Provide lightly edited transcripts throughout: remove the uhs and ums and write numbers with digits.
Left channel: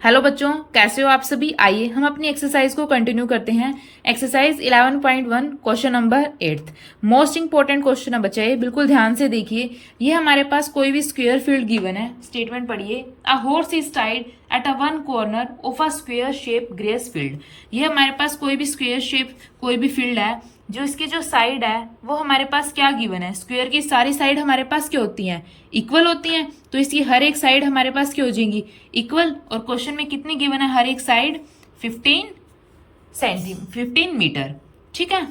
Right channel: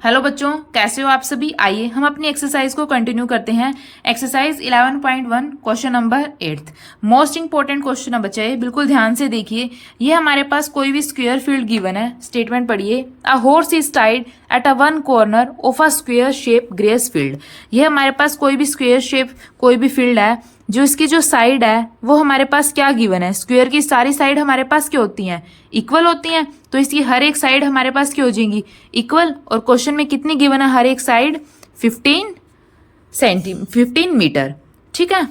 Hello बच्चों, कैसे हो आप सभी। आइए हम अपनी एक्सरसाइज को कंटिन्यू करते हैं। Exercise 11.1 question number 8 most important question है बच्चा, ये बिल्कुल ध्यान से देखिए। ये हमारे पास कोई भी स्क्वायर फील्ड गिवन है। स्टेटमेंट पढ़िए, a horse is tied at a one corner of a square shape grace field. ये हमारे पास कोई भी स्क्वायर शेप कोई भी फील्ड है, जो इसकी जो साइड है वो हमारे पास क्या गिवन है। स्क्वायर की सारी साइड हमारे पास क्या होती हैं, इक्वल होती हैं। तो इसकी हर एक साइड हमारे पास क्या हो जाएंगी, इक्वल। और क्वेश्चन में कितनी गिवन है, हर एक साइड 15 मीटर। ठीक है,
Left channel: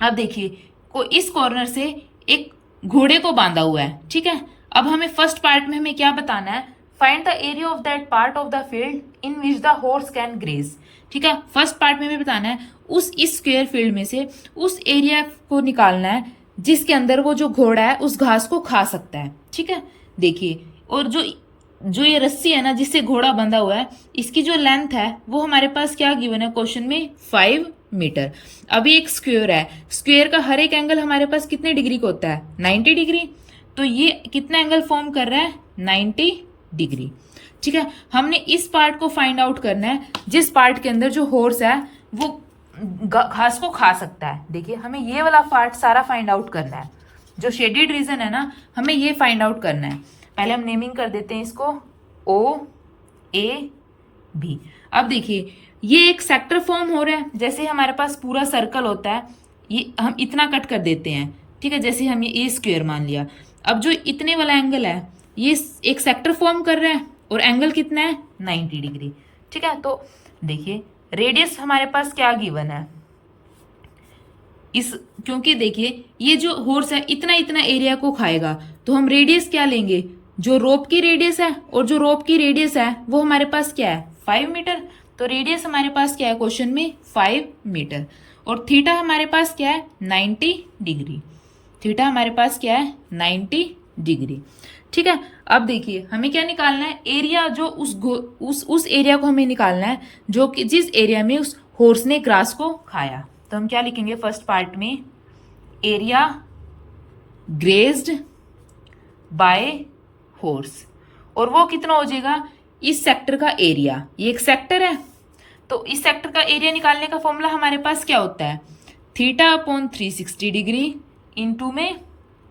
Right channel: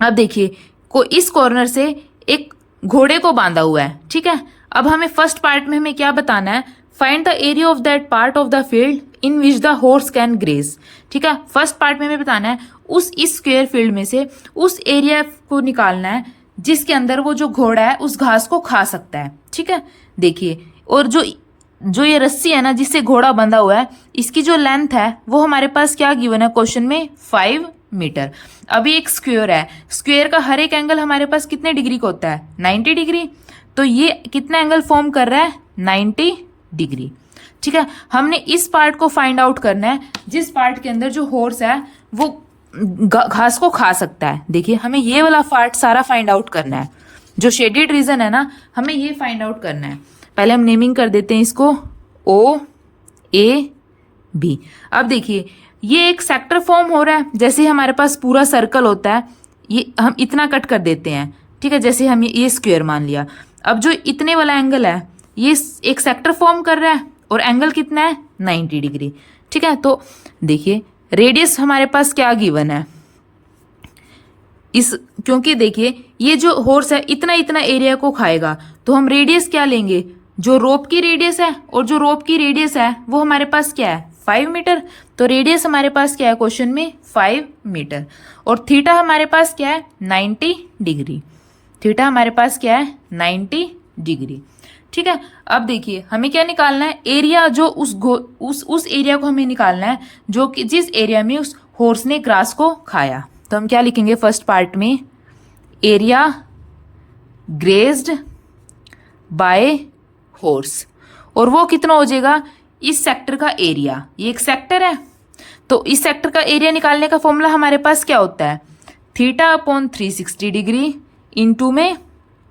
अब देखिए को इस कॉर्नर से एक घोड़े को बांधा हुआ है। ठीक है, अब हमें फर्स्ट पार्ट में हमें क्या बताना है, find the area of that part of the field in which the horse can graze. ठीक है, फर्स्ट पार्ट में हमें बताना है उस इस स्क्वायर फील्ड में से उस एरिया को निकालना है जिसके अंदर वो जो घोड़ा है उस घास को खा सकता है। ठीक है, देखिए, और जो ये रस्सी है ना जिससे घोड़ा बंधा हुआ है, इसकी जो लेंथ है वो हमारे पास क्या गिवन है क्वेश्चन में, 5 मीटर। अभी एक स्क्वायर है, स्क्वायर का हर एक एंगल हमारे पास कितने डिग्री का होता है, 90 डिग्री। तो ये कितना एंगल फॉर्म कर रहा है, 90 डिग्री। ठीक है, हमने इस पार्ट को फाइंड आउट करना है जिस पार्ट के अंदर जो हॉर्स है वो घास को खा सकता है। देखिए, हमें ये वाला पार्ट सारा फाइंड आउट करना है, जो शेडेड रीजन है ना, हमें ये फाइंड आउट करना है। पहले हम नेमिंग कर देते हैं इसको OAB। अब देखिए, ये एक सेक्टर फॉर्म हो रहा है। जैसे हमारे पास पूरा सर्कल होता है, ये हम इतना कट कर देते हैं। ठीक है, जैसे हम ये स्क्वायर मान लिया। अब जो इतने वाला एंगल है ये एक सेक्टर फॉर्म कर रहा है और एंगल कितना है, 90 डिग्री। ठीक है, तो देखिए रेडियस हमारे पास क्या गिवन है क्योंकि देखिए ये जो हॉर्स है इतना इतना एरिया को खाएगा, तो हम रेडियस क्या लेंगे, जो रोप की रेडियस है, और जो रोप की रेडियस है वो हमारे पास क्या है, 5 मीटर। तो रेडियस हमारे पास क्या है क्वेश्चन में, 5 मीटर। और थीटा हमारे पास क्या है, 90 डिग्री। थीटा हमारे पास क्या है, 90 डिग्री। ठीक है, अब देखिए हमें क्या निकालना है, एरिया जो उस एरिया को हमें निकालना है जो कि जिस एरिया में उस हॉर्स ने ग्रास को खाया। तो हम क्या लिखेंगे फर्स्ट पार्ट में, एरिया ग्रेज्ड बाय हॉर्स, और वो कितना हो जाएगा, इस सेक्टर का एरिया। ये एक सेक्टर है, तो इस सेक्टर का एरिया निकालने का फॉर्मूला हमारे पास क्या होता है, थीटा अपॉन 360 डिग्री इंटू में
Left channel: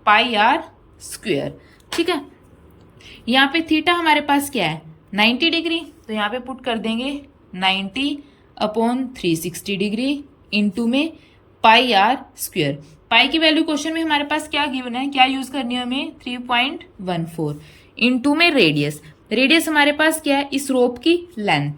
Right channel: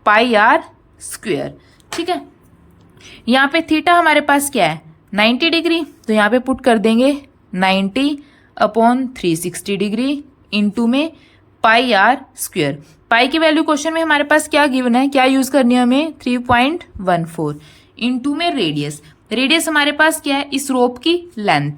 पाई आर स्क्वायर। ठीक है, यहाँ पे थीटा हमारे पास क्या है, 90 डिग्री। तो यहाँ पे पुट कर देंगे 90 अपॉन 360 डिग्री इंटू में पाई आर स्क्वायर। पाई की वैल्यू क्वेश्चन में हमारे पास क्या गिवन है, क्या यूज करनी है हमें, 3.14 इंटू में रेडियस। रेडियस हमारे पास क्या है, इस रोप की लेंथ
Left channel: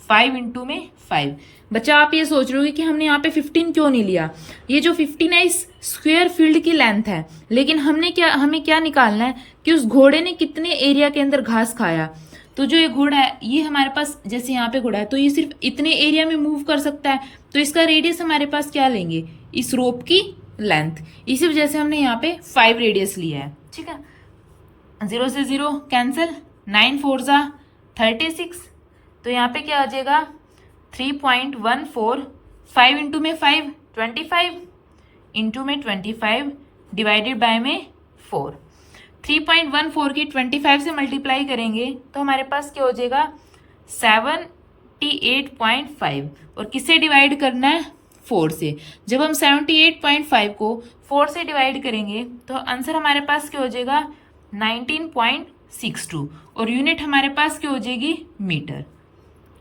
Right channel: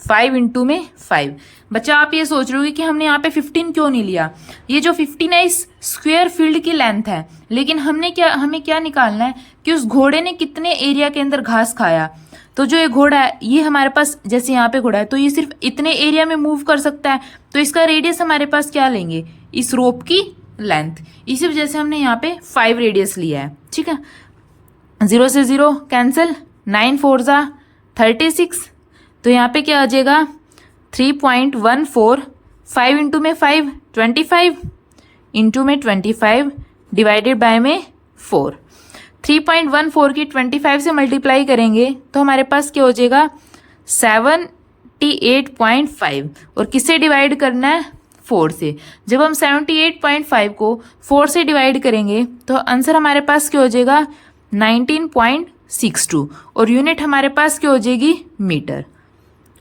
5 इंटू में 5। बच्चा आप ये सोच रहे हो कि हमने यहाँ पे 15 क्यों नहीं लिया, ये जो 15 है इस स्क्वायर फील्ड की लेंथ है, लेकिन हमें क्या निकालना है कि उस घोड़े ने कितने एरिया के अंदर घास खाया। तो जो ये घोड़ा है ये हमारे पास, जैसे यहाँ पे घोड़ा है तो ये सिर्फ इतने एरिया में मूव कर सकता है, तो इसका रेडियस हमारे पास क्या लेंगे, इस रोप की लेंथ। इसी वजह से हमने यहाँ पे 5 रेडियस लिया है। ठीक है, 0 से 0 कैंसिल, 9 4 जा 36। तो यहाँ पे क्या आ जाएगा, 3.14, 5 इंटू में 5 25 इंटू में 25 डिवाइडेड बाय में 4। 3.14 की 25 से मल्टीप्लाई करेंगे तो हमारे पास क्या हो जाएगा, 78.5। और किससे डिवाइड करना है, 4 से। जब हम 78.5 को 4 से डिवाइड करेंगे तो आंसर हमारे पास क्या हो जाएगा, 19.62। और यूनिट हमारे पास क्या हो जाएगी,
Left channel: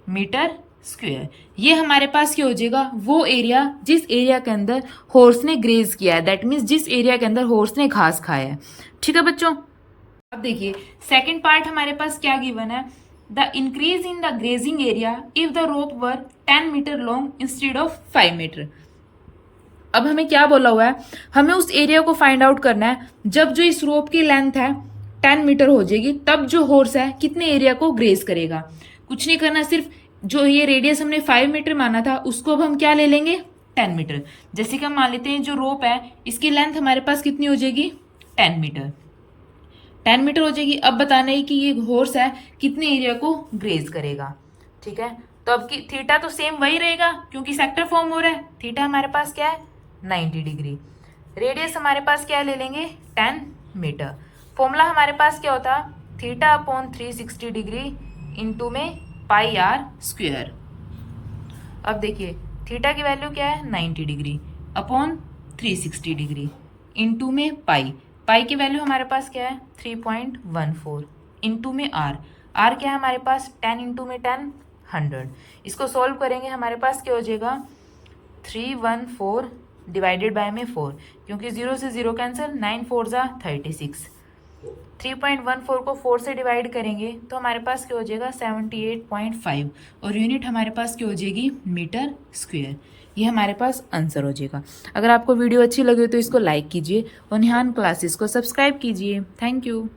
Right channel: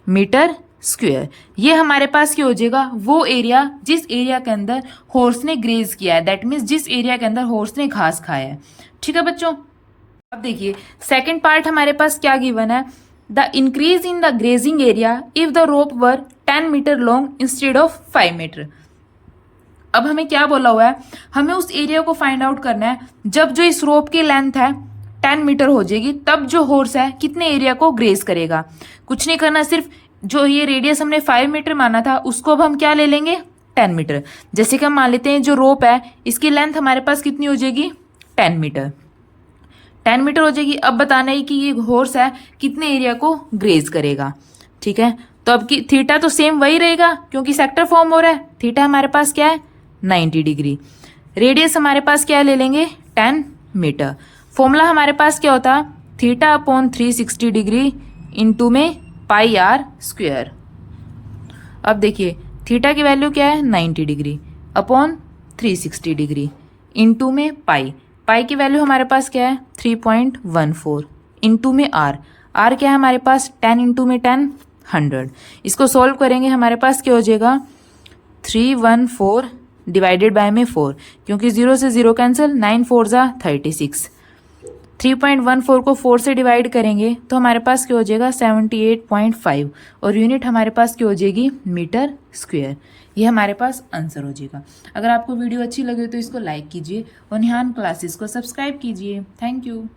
मीटर स्क्वायर। ये हमारे पास क्या हो जाएगा, वो एरिया जिस एरिया के अंदर हॉर्स ने ग्रेज किया है, दैट मीन्स जिस एरिया के अंदर हॉर्स ने घास खाया है। ठीक है बच्चों, अब देखिए सेकंड पार्ट हमारे पास क्या गिवन है, the increase in the grazing area if the rope were 10 metre long instead of 5 metre. अब हमें क्या बोला हुआ है, हमें उस एरिया को फाइंड आउट करना है जब जो इस रोप की लेंथ है 10 मीटर हो जाएगी, तब जो हॉर्स है कितने एरिया को ग्रेज करेगा। कुछ नहीं करना, सिर्फ जो ये रेडियस हमने 5 मीटर माना था उसको अब हम क्या ले लेंगे, 10 मीटर। जैसे कि हम मान लेते हैं जो रोप है इसकी लेंथ हमारे पास कितनी हो जाएगी, 10 मीटर हो जाएगी। अब बताना है कि ये हॉर्स है कितने एरिया को ग्रेज करेगा। ठीक है, तो अब की थीटा तो सेम वही रहेगा क्योंकि सेक्टर फॉर्म हो रहा है। थीटा हमारे पास क्या है, 90 डिग्री। रेडियस हमारे पास क्या ले लेंगे, 10 मीटर। फॉर्मूला हमारे पास क्या होता, थीटा अपॉन 360 डिग्री इंटू में पाई आर स्क्वायर। अब देखिए थीटा की वैल्यू क्या है 90 डिग्री अपॉन 360 डिग्री इंटू में पाई। पाई की वैल्यू हमारे पास क्या है 3.14 इंटू में आर। आर क्या है हमारे पास 10 इंटू में 10 100। इसको सॉल्व करेंगे हमारे पास क्या हो जाएगा 314 डिवाइडेड बाय में 4, क्योंकि 0 से 0 कैंसिल, 9 4 जा 36। 3.14 को 4 से डिवाइड करेंगे तो हमारे पास क्या हो जाएगा 78.5 और यूनिट हमारे पास क्या हो जाएगी मीटर स्क्वायर। ये हमारे पास आंसर हो जाएगा। अगर आपको वीडियो अच्छी लगे तो इसको लाइक कीजिए और निहान क्लासेस को सब्सक्राइब कीजिए। Thank you.